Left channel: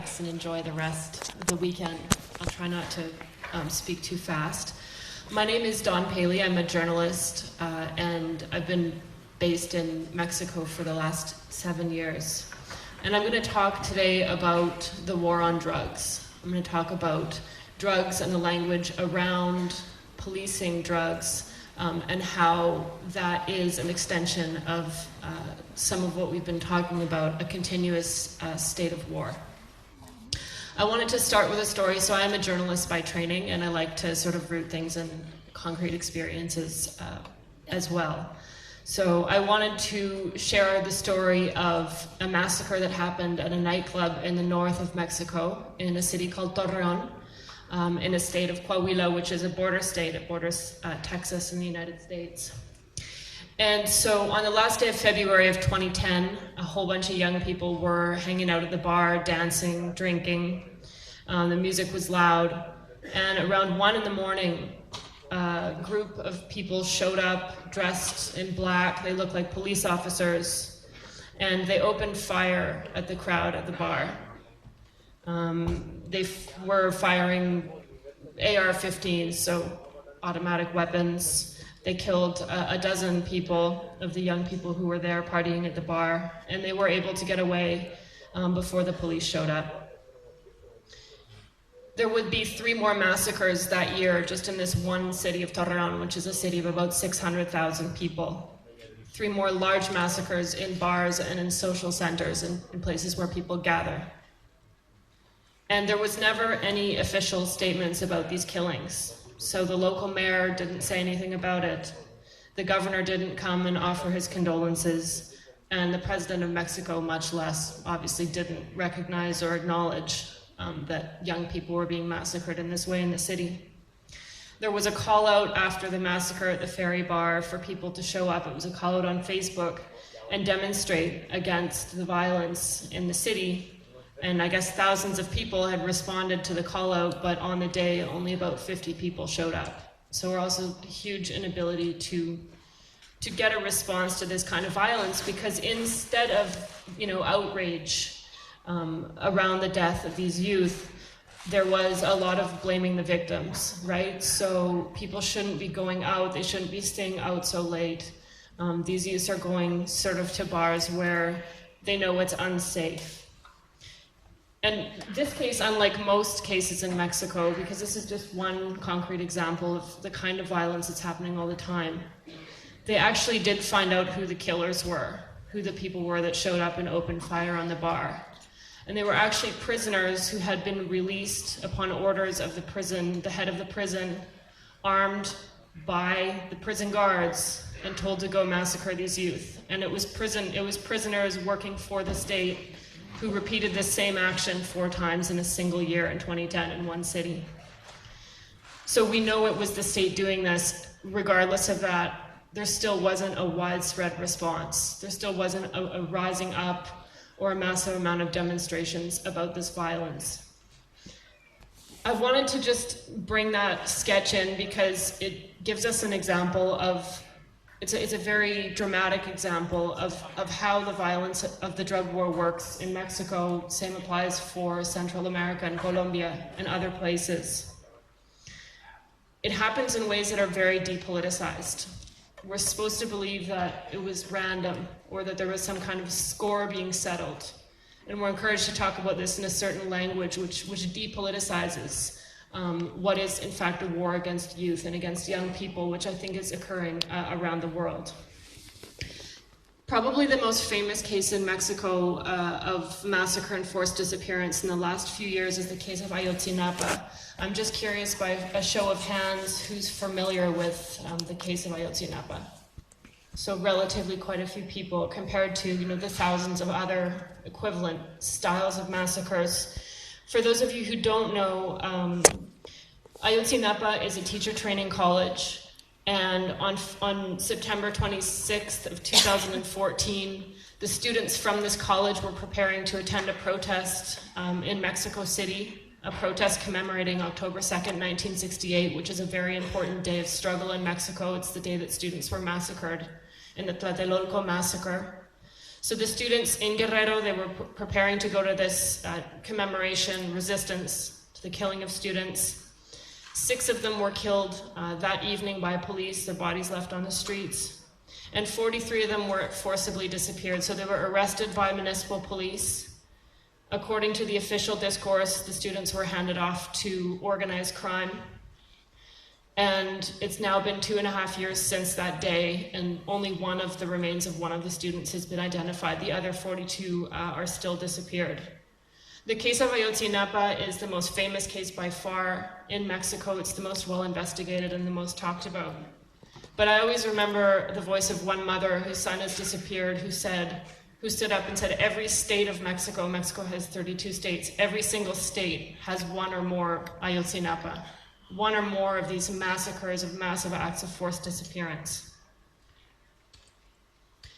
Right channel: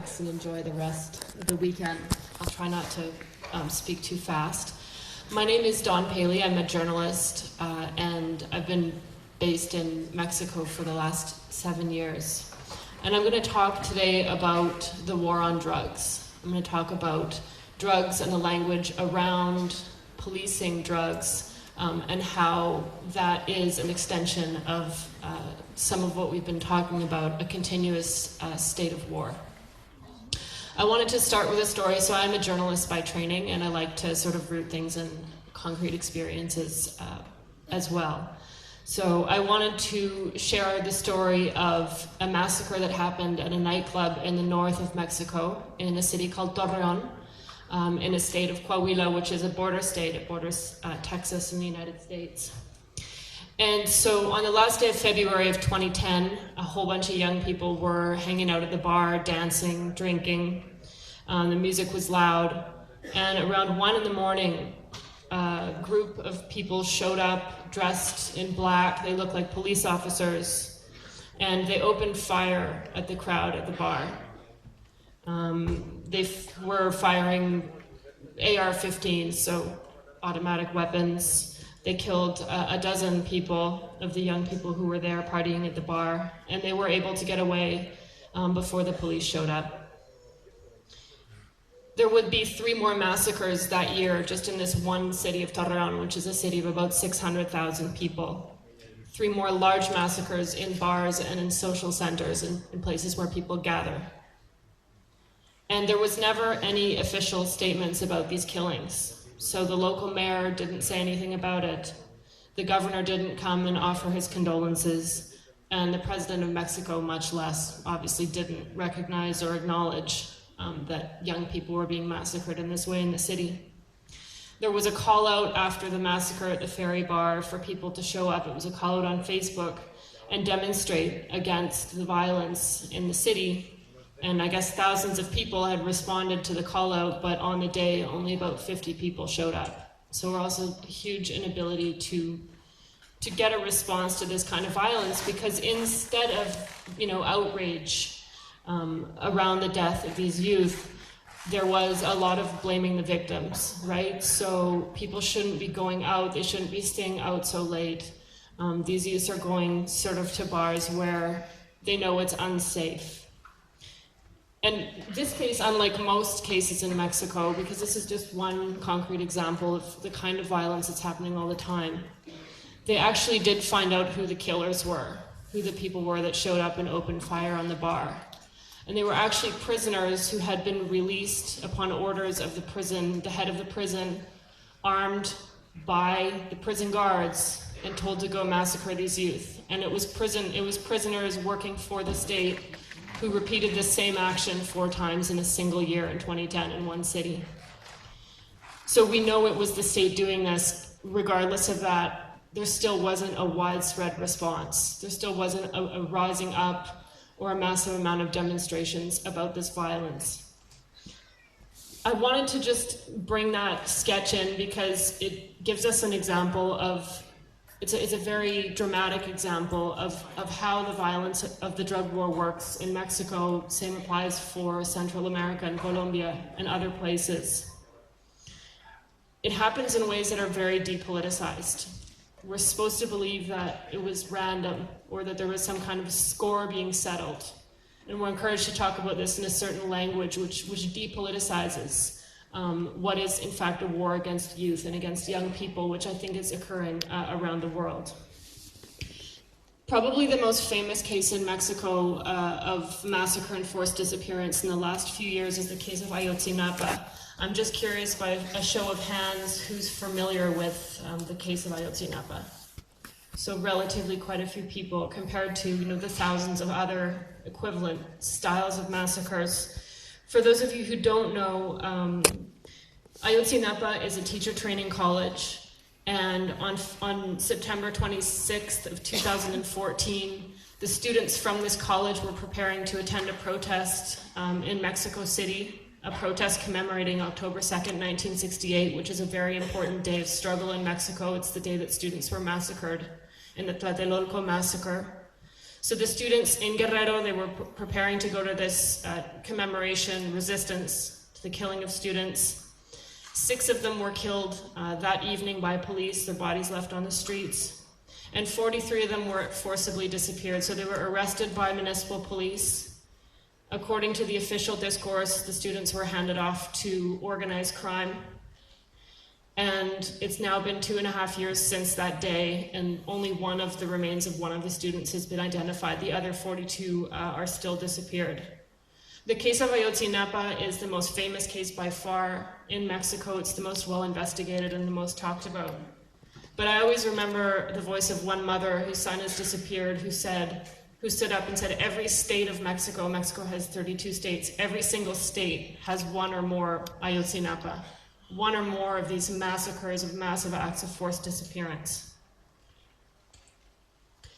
relax and enjoy the rest of the weekend. I'll try not to speak too fast. My name is Dawn Paley. I'm a journalist, and I've been based in Mexico for the last 7 years. And I'm going to talk today about the war on drugs. I'm going to talk about drugs and the language around policing drugs, and how that is an extension of some of what we've been talking about, a continuous state of war. I wanted to start with a story. So I'm a journalist by training, and I like to sort of root things in concrete experiences as well. So I wanted to share the story of a massacre that happened at a nightclub in the north of Mexico, in a city called Torreon, in a state of Coahuila, which is a border state. It borders Texas and the United States. And so on the last day of February of 2010, a whole bunch of young people were hanging out at the bar, dancing, drinking. The music was loud. And around 1 a.m, a group of people showed up dressed in black. They looked like police officers. And they opened fire at the crowd at the bar. They were firing AR-15s, so automatic weapons. They killed a dozen people of the young people who were there partying at the bar, and they were able to get away before the police showed up. There would be 3 more massacres that year just in this one city of Torreon, which is a city of about 600,000 people. 3 more large massacres in bars and in social centers and in places where people gather. And there was never any official statements about these killings. So the local mayor didn't say anything about it. The governor didn't come and offer his condolences. And the president of Mexico, much less, obviously didn't recognize or acknowledge that young people were being massacred in this way in the city. There was a call out after the massacre at the ferry bar for people to show up. It was a call out on Facebook and demonstrate against the violence in the city. And I guess thousands of people had responded to the call out, but on the day, only about 50 people showed up. So we're also a huge inability to get a response to this kind of violence, because instead of, outrage around the death of these youth, there was a lot of blaming the victims, right? So people shouldn't be going out, they shouldn't be staying out so late. These youths are going sort of to bars where they know it's unsafe. And this case, unlike most cases in Mexico, because this is just one concrete example of the kind of violence that's happening all the time, they actually did find out who the killers were, who the people were that showed up and opened fire on the bar. And they were actually prisoners who had been released upon orders of the prison, the head of the prison, armed by the prison guards and told to go massacre these youth. And it was prisoners working for the state who repeated the same action 4 times in a single year in 2010 in one city. So we know it was the state doing this. Regardless of that, there still wasn't a widespread response. There still wasn't a rising up or a massive amount of demonstrations about this violence. I wanted to just bring that sketch in because it gives us an example of It's a very dramatic example of how the violence of the drug war works in Mexico. Same applies for Central America and Colombia and other places. It happens in ways that are very depoliticized. We're supposed to believe that it was random or that there was some kind of score being settled. And we're encouraged to talk about this in a certain language which depoliticizes what is in fact a war against youth and against young people, which I think is occurring around the world. Probably the most famous case in Mexico of massacre and forced disappearance in the last few years is the case of Ayotzinapa. I'm just curious, by a show of hands, who's familiar with the case of Ayotzinapa? So relatively quite a few people compared to the thousands of other equivalent styles of massacres. For those of you who don't know, Ayotzinapa is a teacher training college, and on September 26th of 2014, the students from this college were preparing to attend a protest in Mexico City, a protest commemorating October 2nd, 1968, which is a very important day of struggle in Mexico. It's the day that students were massacred in the Tlatelolco massacre. So the students in Guerrero, they were preparing to go to this commemoration, resistance to the killing of students. 6 of them were killed that evening by police, their bodies left on the streets. And 43 of them were forcibly disappeared. So they were arrested by municipal police. According to the official discourse, the students were handed off to organized crime. And it's now been 2.5 years since that day, and only one of the remains of one of the students has been identified. The other 42 are still disappeared. The case of Ayotzinapa is the most famous case by far in Mexico. It's the most well investigated and the most talked about. But I always remember the voice of one mother whose son has disappeared, who stood up and said, every state of Mexico, Mexico has 32 states, every single state has one or more Ayotzinapa, one or more of these massacres, of massive acts of forced disappearance.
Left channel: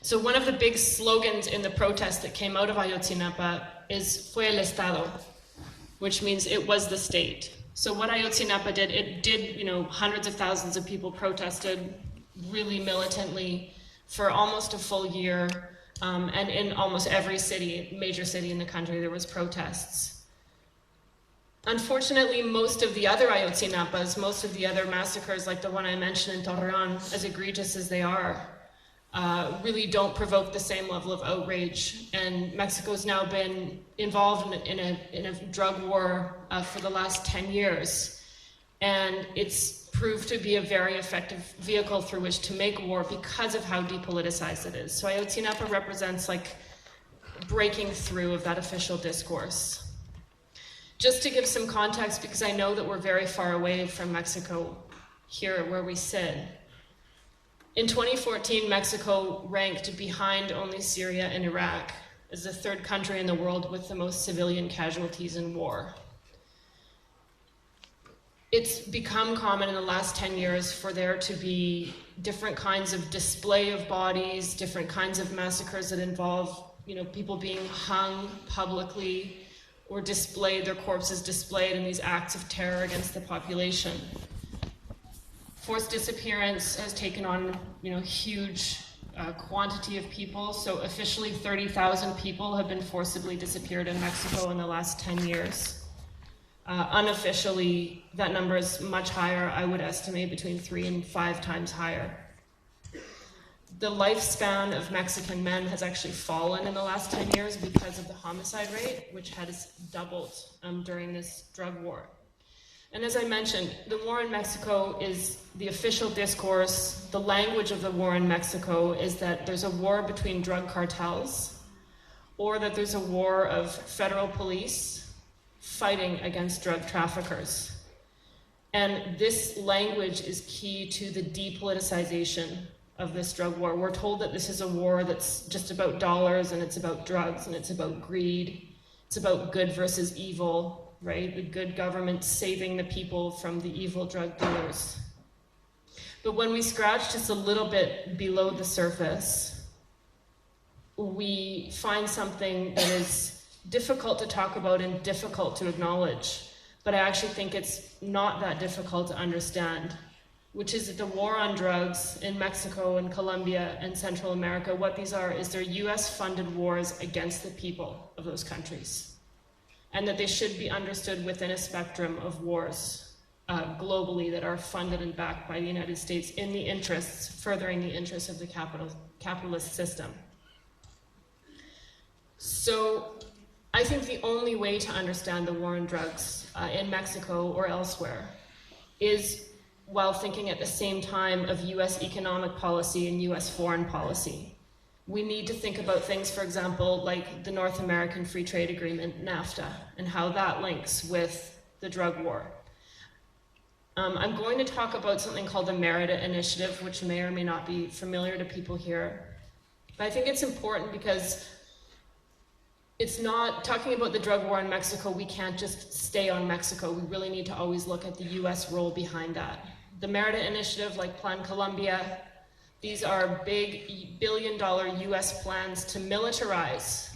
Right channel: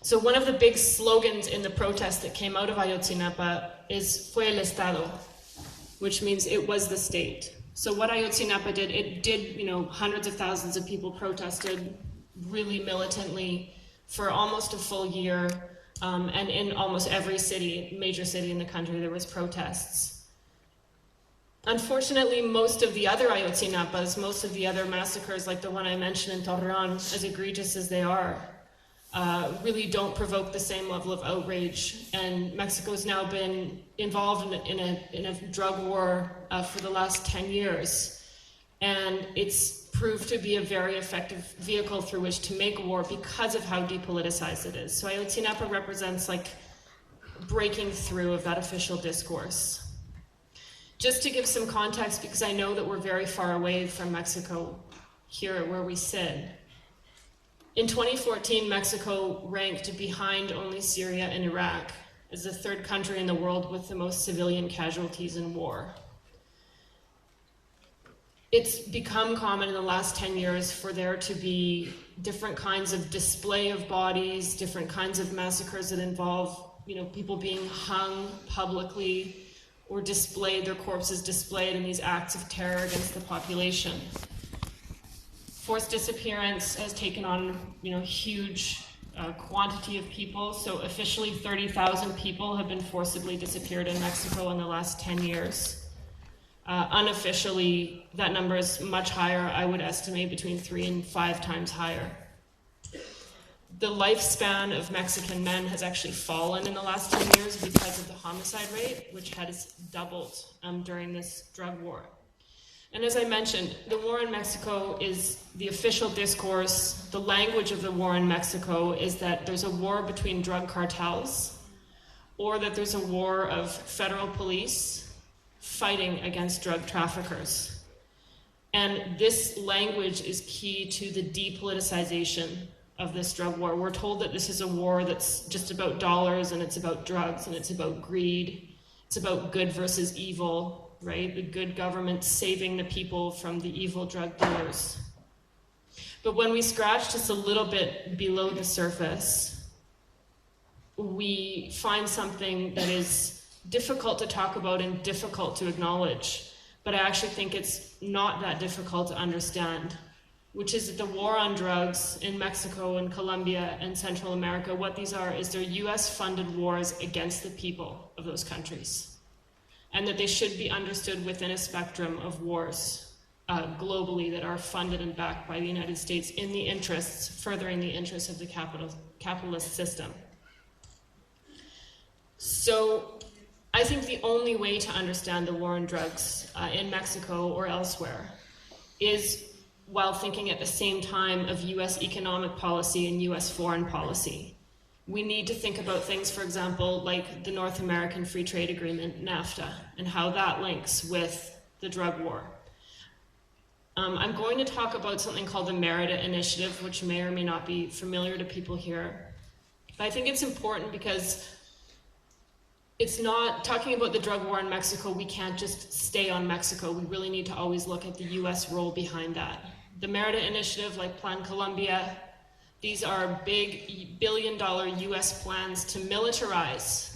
So one of the big slogans in the protest that came out of Ayotzinapa is Fue el Estado, which means it was the state. So what Ayotzinapa did, it did, hundreds of thousands of people protested really militantly for almost a full year. And in almost every major city in the country, there was protests. Unfortunately, most of the other Ayotzinapas, most of the other massacres, like the one I mentioned in Torreon, as egregious as they are, really don't provoke the same level of outrage. And Mexico's now been involved in a drug war for the last 10 years. And it's proved to be a very effective vehicle through which to make war because of how depoliticized it is. So Ayotzinapa represents like breaking through of that official discourse. Just to give some context, because I know that we're very far away from Mexico here where we sit. In 2014, Mexico ranked behind only Syria and Iraq as the 3rd country in the world with the most civilian casualties in war. It's become common in the last 10 years for there to be different kinds of display of bodies, different kinds of massacres that involve, people being hung publicly or their corpses displayed in these acts of terror against the population. Forced disappearance has taken on, huge quantity of people. So officially 30,000 people have been forcibly disappeared in Mexico in the last 10 years. Unofficially, that number is much higher. I would estimate between 3 and 5 times higher. The lifespan of Mexican men has actually fallen in the last 10 years because of the homicide rate, which has doubled during this drug war. And as I mentioned, the war in Mexico is the official discourse. The language of the war in Mexico is that there's a war between drug cartels, or that there's a war of federal police fighting against drug traffickers. And this language is key to the depoliticization of this drug war. We're told that this is a war that's just about dollars, and it's about drugs, and it's about greed. It's about good versus evil, right? The good government saving the people from the evil drug dealers. But when we scratch just a little bit below the surface, we find something that is difficult to talk about and difficult to acknowledge, but I actually think it's not that difficult to understand, which is that the war on drugs in Mexico and Colombia and Central America, what these are is they're US-funded wars against the people of those countries, and that they should be understood within a spectrum of wars globally that are funded and backed by the United States in the interests, furthering the interests of the capitalist system. So I think the only way to understand the war on drugs in Mexico or elsewhere is while thinking at the same time of US economic policy and US foreign policy. We need to think about things, for example, like the North American Free Trade Agreement, NAFTA, and how that links with the drug war. I'm going to talk about something called the Merida Initiative, which may or may not be familiar to people here. But I think it's important because it's not talking about the drug war in Mexico. We can't just stay on Mexico. We really need to always look at the US role behind that. The Merida Initiative, like Plan Colombia, these are big billion-dollar US plans to militarize.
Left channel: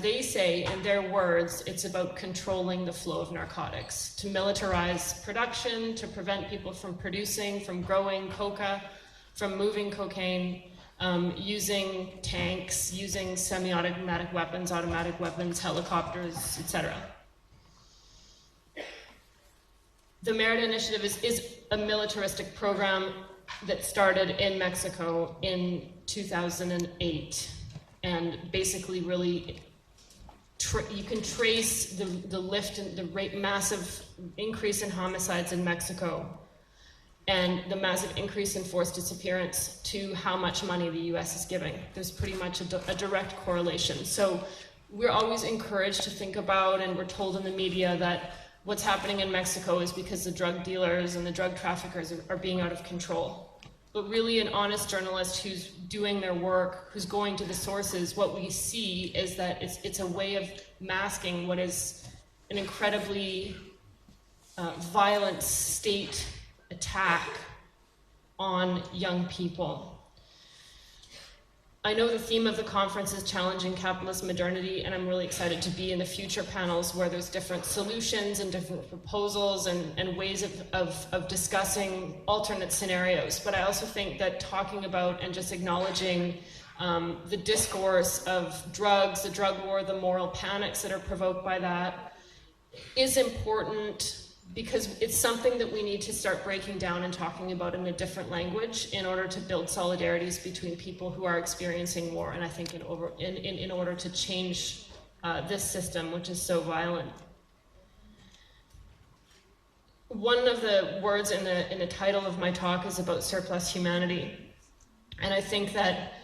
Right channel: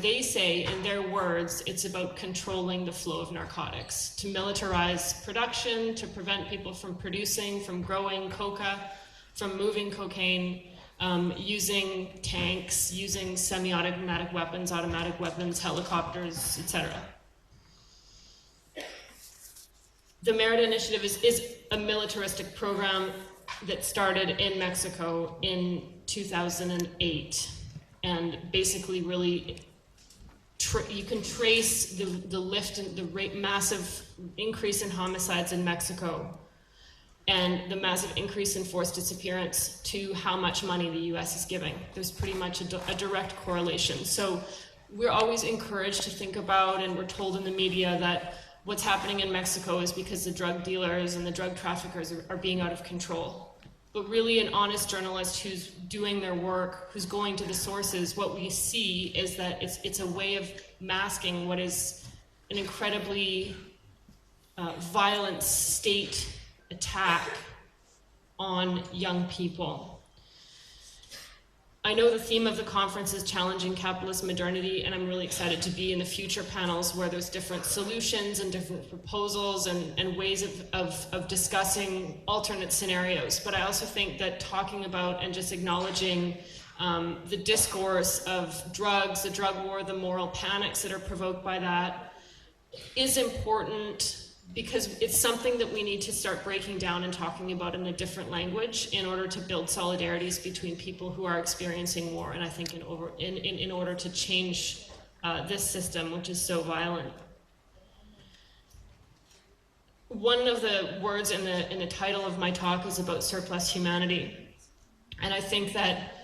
They say, in their words, it's about controlling the flow of narcotics, to militarize production, to prevent people from producing, from growing coca, from moving cocaine, using tanks, using semi-automatic weapons, automatic weapons, helicopters, etc. The Merit Initiative is a militaristic program that started in Mexico in 2008, and basically really you can trace the lift and the massive increase in homicides in Mexico and the massive increase in forced disappearance to how much money the US is giving. There's pretty much a direct correlation. So we're always encouraged to think about, and we're told in the media, that what's happening in Mexico is because the drug dealers and the drug traffickers are being out of control. But really, an honest journalist who's doing their work, who's going to the sources, what we see is that it's a way of masking what is an incredibly violent state attack on young people. I know the theme of the conference is challenging capitalist modernity, and I'm really excited to be in the future panels where there's different solutions and different proposals and ways of discussing alternate scenarios. But I also think that talking about and just acknowledging the discourse of drugs, the drug war, the moral panics that are provoked by that is important, because it's something that we need to start breaking down and talking about in a different language in order to build solidarities between people who are experiencing war, and I think in order to change this system, which is so violent. One of the words in the title of my talk is about surplus humanity, and I think that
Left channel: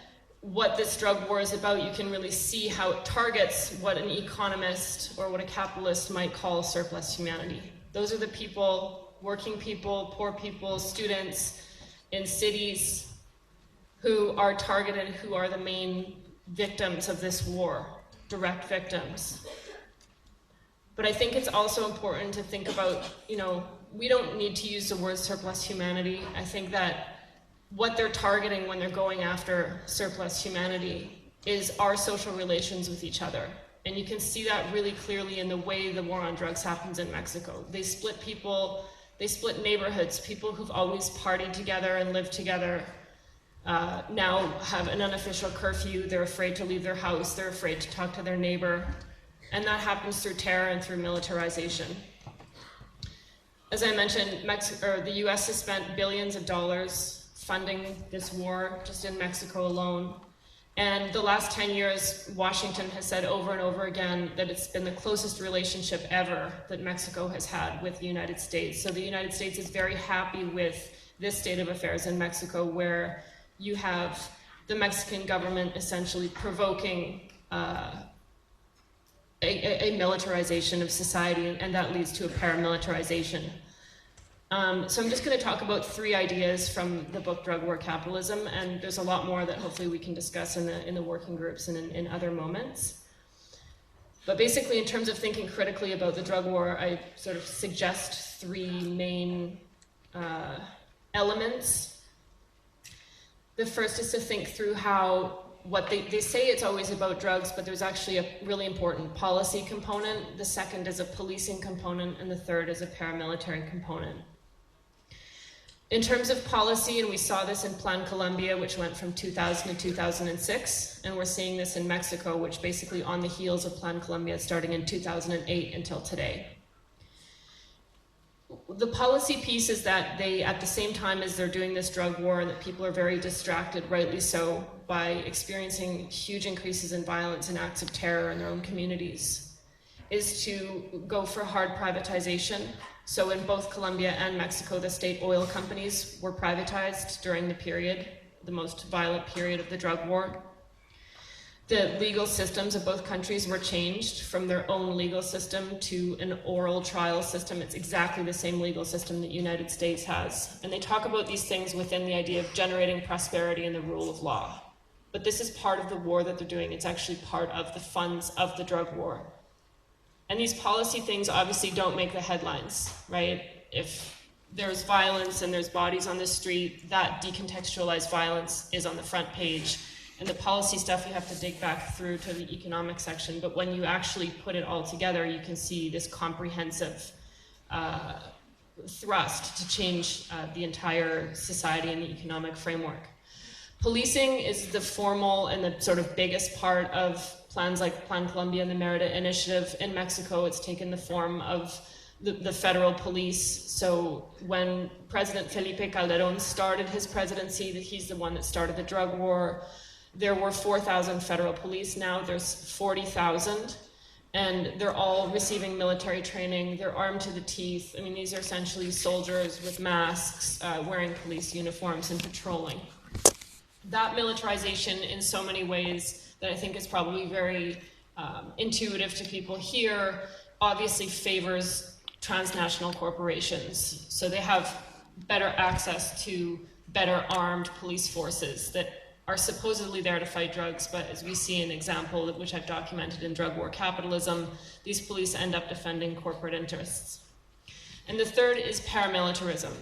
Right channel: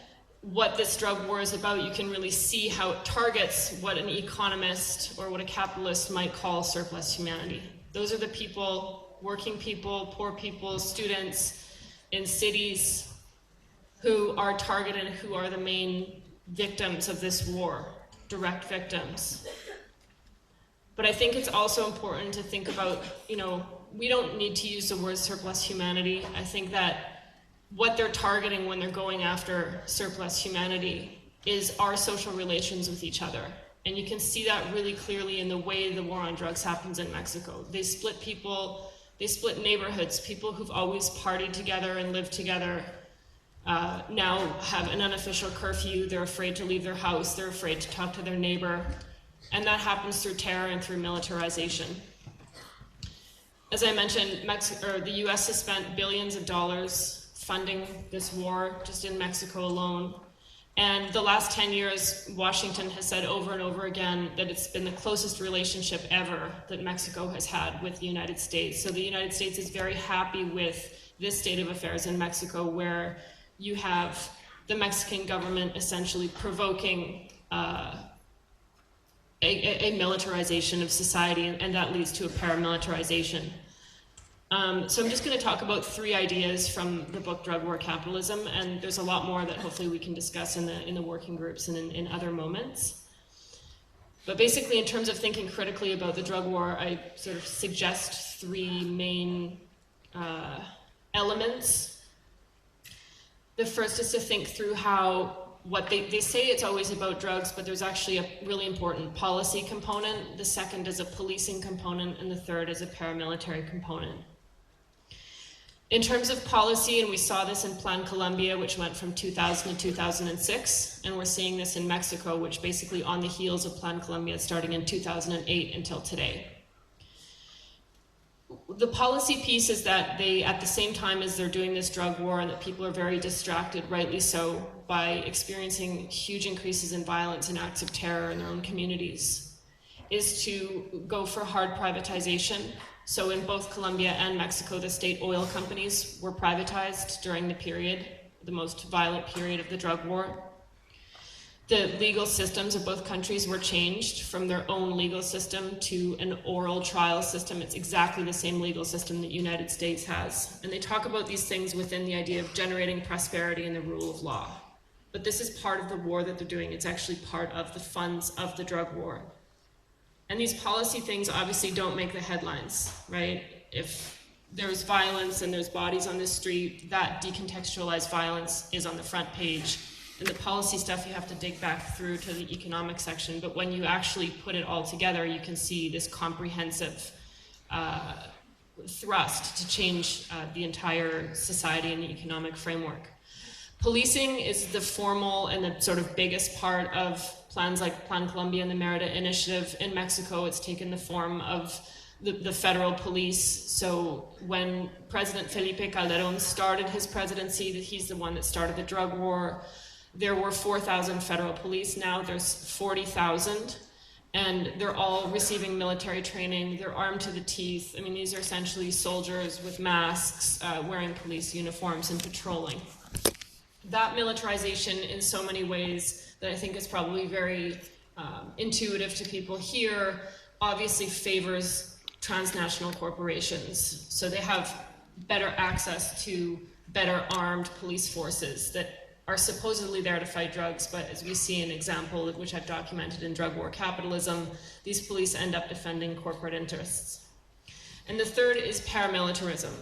what this drug war is about, you can really see how it targets what an economist or what a capitalist might call surplus humanity. Those are the people, working people, poor people, students in cities who are targeted, who are the main victims of this war, direct victims. But I think it's also important to think about, we don't need to use the word surplus humanity. I think that what they're targeting when they're going after surplus humanity is our social relations with each other. And you can see that really clearly in the way the war on drugs happens in Mexico. They split people, they split neighborhoods. People who've always partied together and lived together now have an unofficial curfew. They're afraid to leave their house. They're afraid to talk to their neighbor. And that happens through terror and through militarization. As I mentioned, the US has spent billions of dollars funding this war just in Mexico alone. And the last 10 years, Washington has said over and over again that it's been the closest relationship ever that Mexico has had with the United States. So the United States is very happy with this state of affairs in Mexico, where you have the Mexican government essentially provoking a militarization of society, and that leads to a paramilitarization. So I'm just going to talk about 3 ideas from the book Drug War Capitalism, and there's a lot more that hopefully we can discuss in the working groups and in other moments. But basically, in terms of thinking critically about the drug war, I sort of suggest 3 main elements. The first is to think through how what they say it's always about drugs, but there's actually a really important policy component. The second is a policing component, and the third is a paramilitary component. In terms of policy, and we saw this in Plan Colombia, which went from 2000 to 2006, and we're seeing this in Mexico, which basically on the heels of Plan Colombia starting in 2008 until today. The policy piece is that they, at the same time as they're doing this drug war, and that people are very distracted, rightly so, by experiencing huge increases in violence and acts of terror in their own communities, is to go for hard privatization. So in both Colombia and Mexico, the state oil companies were privatized during the period, the most violent period of the drug war. The legal systems of both countries were changed from their own legal system to an oral trial system. It's exactly the same legal system that the United States has. And they talk about these things within the idea of generating prosperity and the rule of law. But this is part of the war that they're doing. It's actually part of the funds of the drug war. And these policy things obviously don't make the headlines, right? If there's violence and there's bodies on the street, that decontextualized violence is on the front page. And the policy stuff, you have to dig back through to the economic section. But when you actually put it all together, you can see this comprehensive thrust to change the entire society and the economic framework. Policing is the formal and the sort of biggest part of plans like Plan Colombia and the Merida Initiative. In Mexico, it's taken the form of the federal police. So when President Felipe Calderón started his presidency, he's the one that started the drug war, there were 4,000 federal police. Now there's 40,000. And they're all receiving military training. They're armed to the teeth. I mean, these are essentially soldiers with masks, wearing police uniforms and patrolling. That militarization in so many ways that I think is probably very intuitive to people here, obviously favors transnational corporations. So they have better access to better armed police forces that are supposedly there to fight drugs, but as we see an example, which I've documented in Drug War Capitalism, these police end up defending corporate interests. And the third is paramilitarism.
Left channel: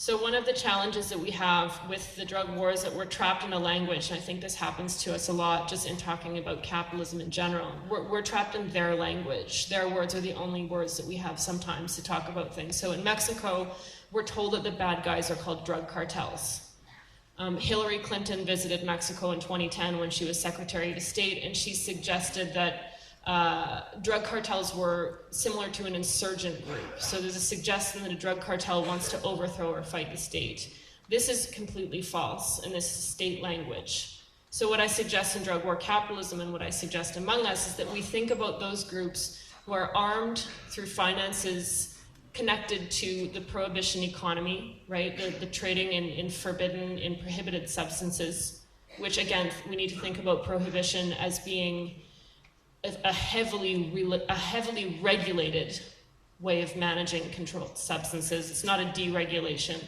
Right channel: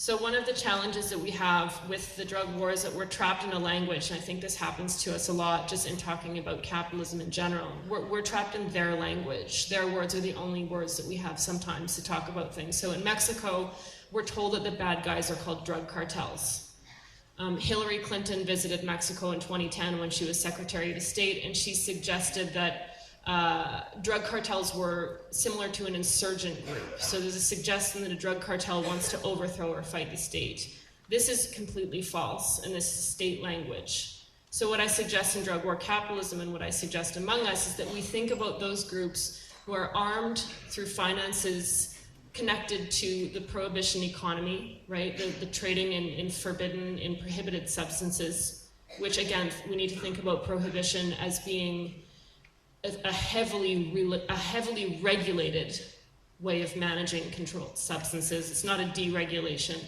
So one of the challenges that we have with the drug war is that we're trapped in a language, and I think this happens to us a lot just in talking about capitalism in general. We're trapped in their language. Their words are the only words that we have sometimes to talk about things. So in Mexico, we're told that the bad guys are called drug cartels. Hillary Clinton visited Mexico in 2010 when she was Secretary of State, and she suggested that drug cartels were similar to an insurgent group. So there's a suggestion that a drug cartel wants to overthrow or fight the state. This is completely false, and this is state language. So what I suggest in Drug War Capitalism and what I suggest among us is that we think about those groups who are armed through finances connected to the prohibition economy, right? The trading in prohibited substances, which again, we need to think about prohibition as being a heavily regulated way of managing controlled substances. It's not a deregulation.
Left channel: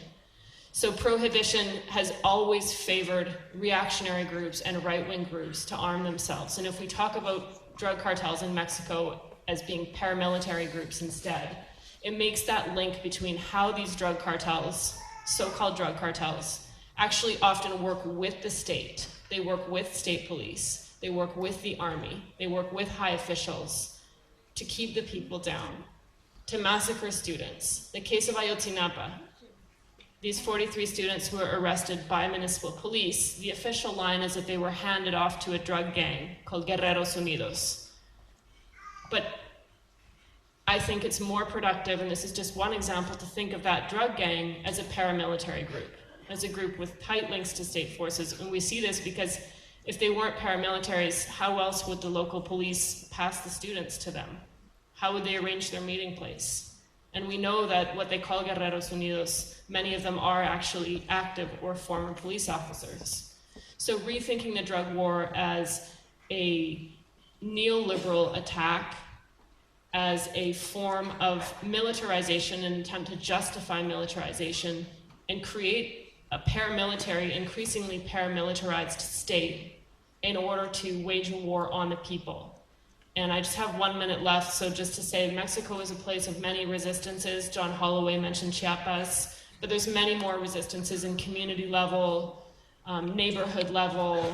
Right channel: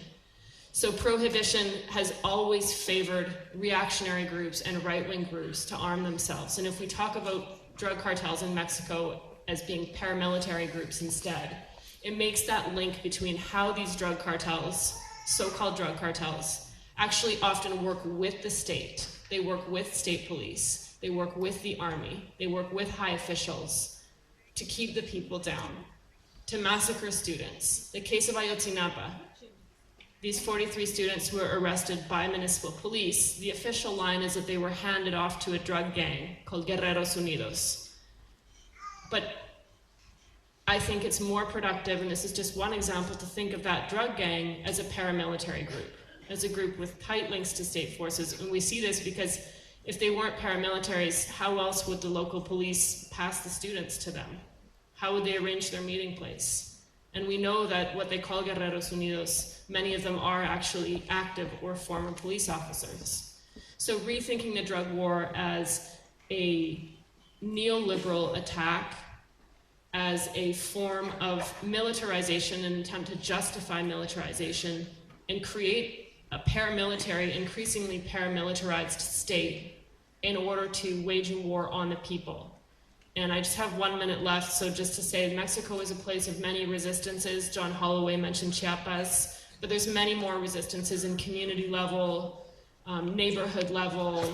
So prohibition has always favored reactionary groups and right-wing groups to arm themselves. And if we talk about drug cartels in Mexico as being paramilitary groups instead, it makes that link between how these drug cartels, so-called drug cartels, actually often work with the state. They work with state police. They work with the army. They work with high officials to keep the people down, to massacre students. The case of Ayotzinapa, these 43 students who were arrested by municipal police, the official line is that they were handed off to a drug gang called Guerreros Unidos. But I think it's more productive, and this is just one example, to think of that drug gang as a paramilitary group, as a group with tight links to state forces. And we see this because if they weren't paramilitaries, how else would the local police pass the students to them? How would they arrange their meeting place? And we know that what they call Guerreros Unidos, many of them are actually active or former police officers. So rethinking the drug war as a neoliberal attack, as a form of militarization, an attempt to justify militarization and create a paramilitary, increasingly paramilitarized state in order to wage a war on the people. And I just have 1 minute left, so just to say Mexico is a place of many resistances. John Holloway mentioned Chiapas, but there's many more resistances in community level, neighborhood level.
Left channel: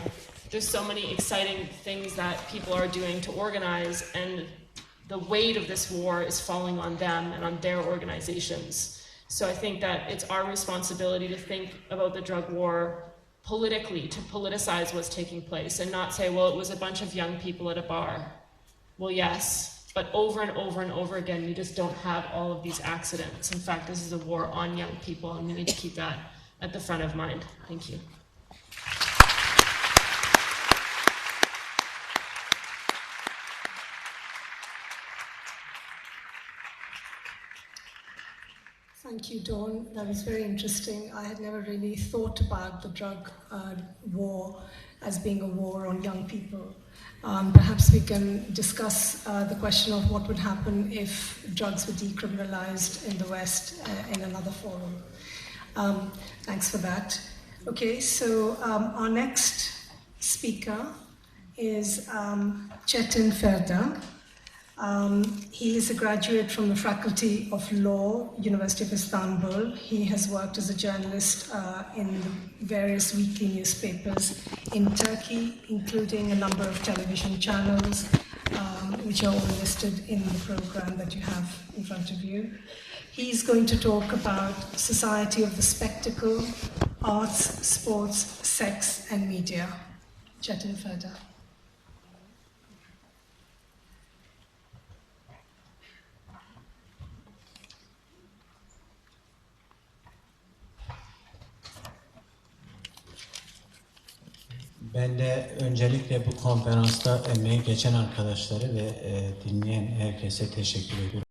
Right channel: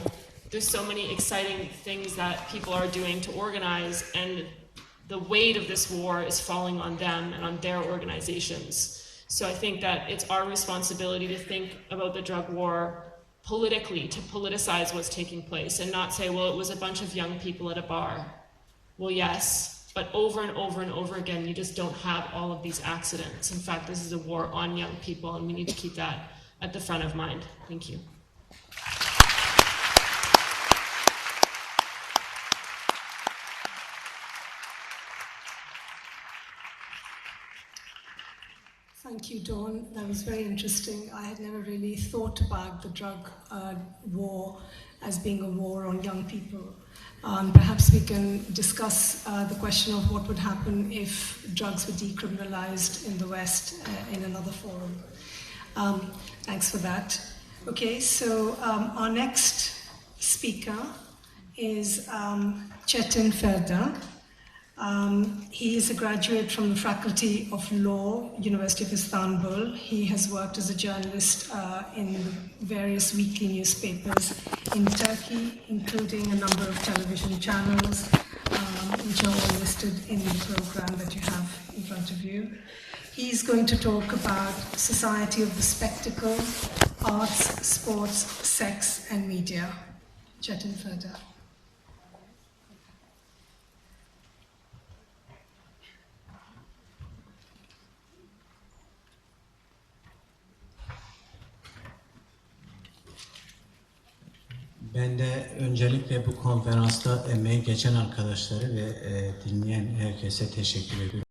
There's so many exciting things that people are doing to organize, and the weight of this war is falling on them and on their organizations. So I think that it's our responsibility to think about the drug war politically, to politicize what's taking place and not say, well, it was a bunch of young people at a bar. Well, yes, but over and over and over again, you just don't have all of these accidents. In fact, this is a war on young people, and we need to keep that at the front of mind. Thank you. Thank you, Dawn. That was very interesting. I had never really thought about the drug war as being a war on young people. Perhaps we can discuss the question of what would happen if drugs were decriminalized in the West in another forum. Thanks for that. Okay, so our next speaker is Çetin Ferda. He is a graduate from the Faculty of Law, University of Istanbul. He has worked as a journalist in various weekly newspapers in Turkey, including a number of television channels, which are all listed in the program that you have in front of you. He's going to talk about society of the spectacle, arts, sports, sex, and media. Chetan Ferda. Ben de öncelikle bu konferansta emeği geçen arkadaşları ve dinleyen herkese teşekkür ediyorum.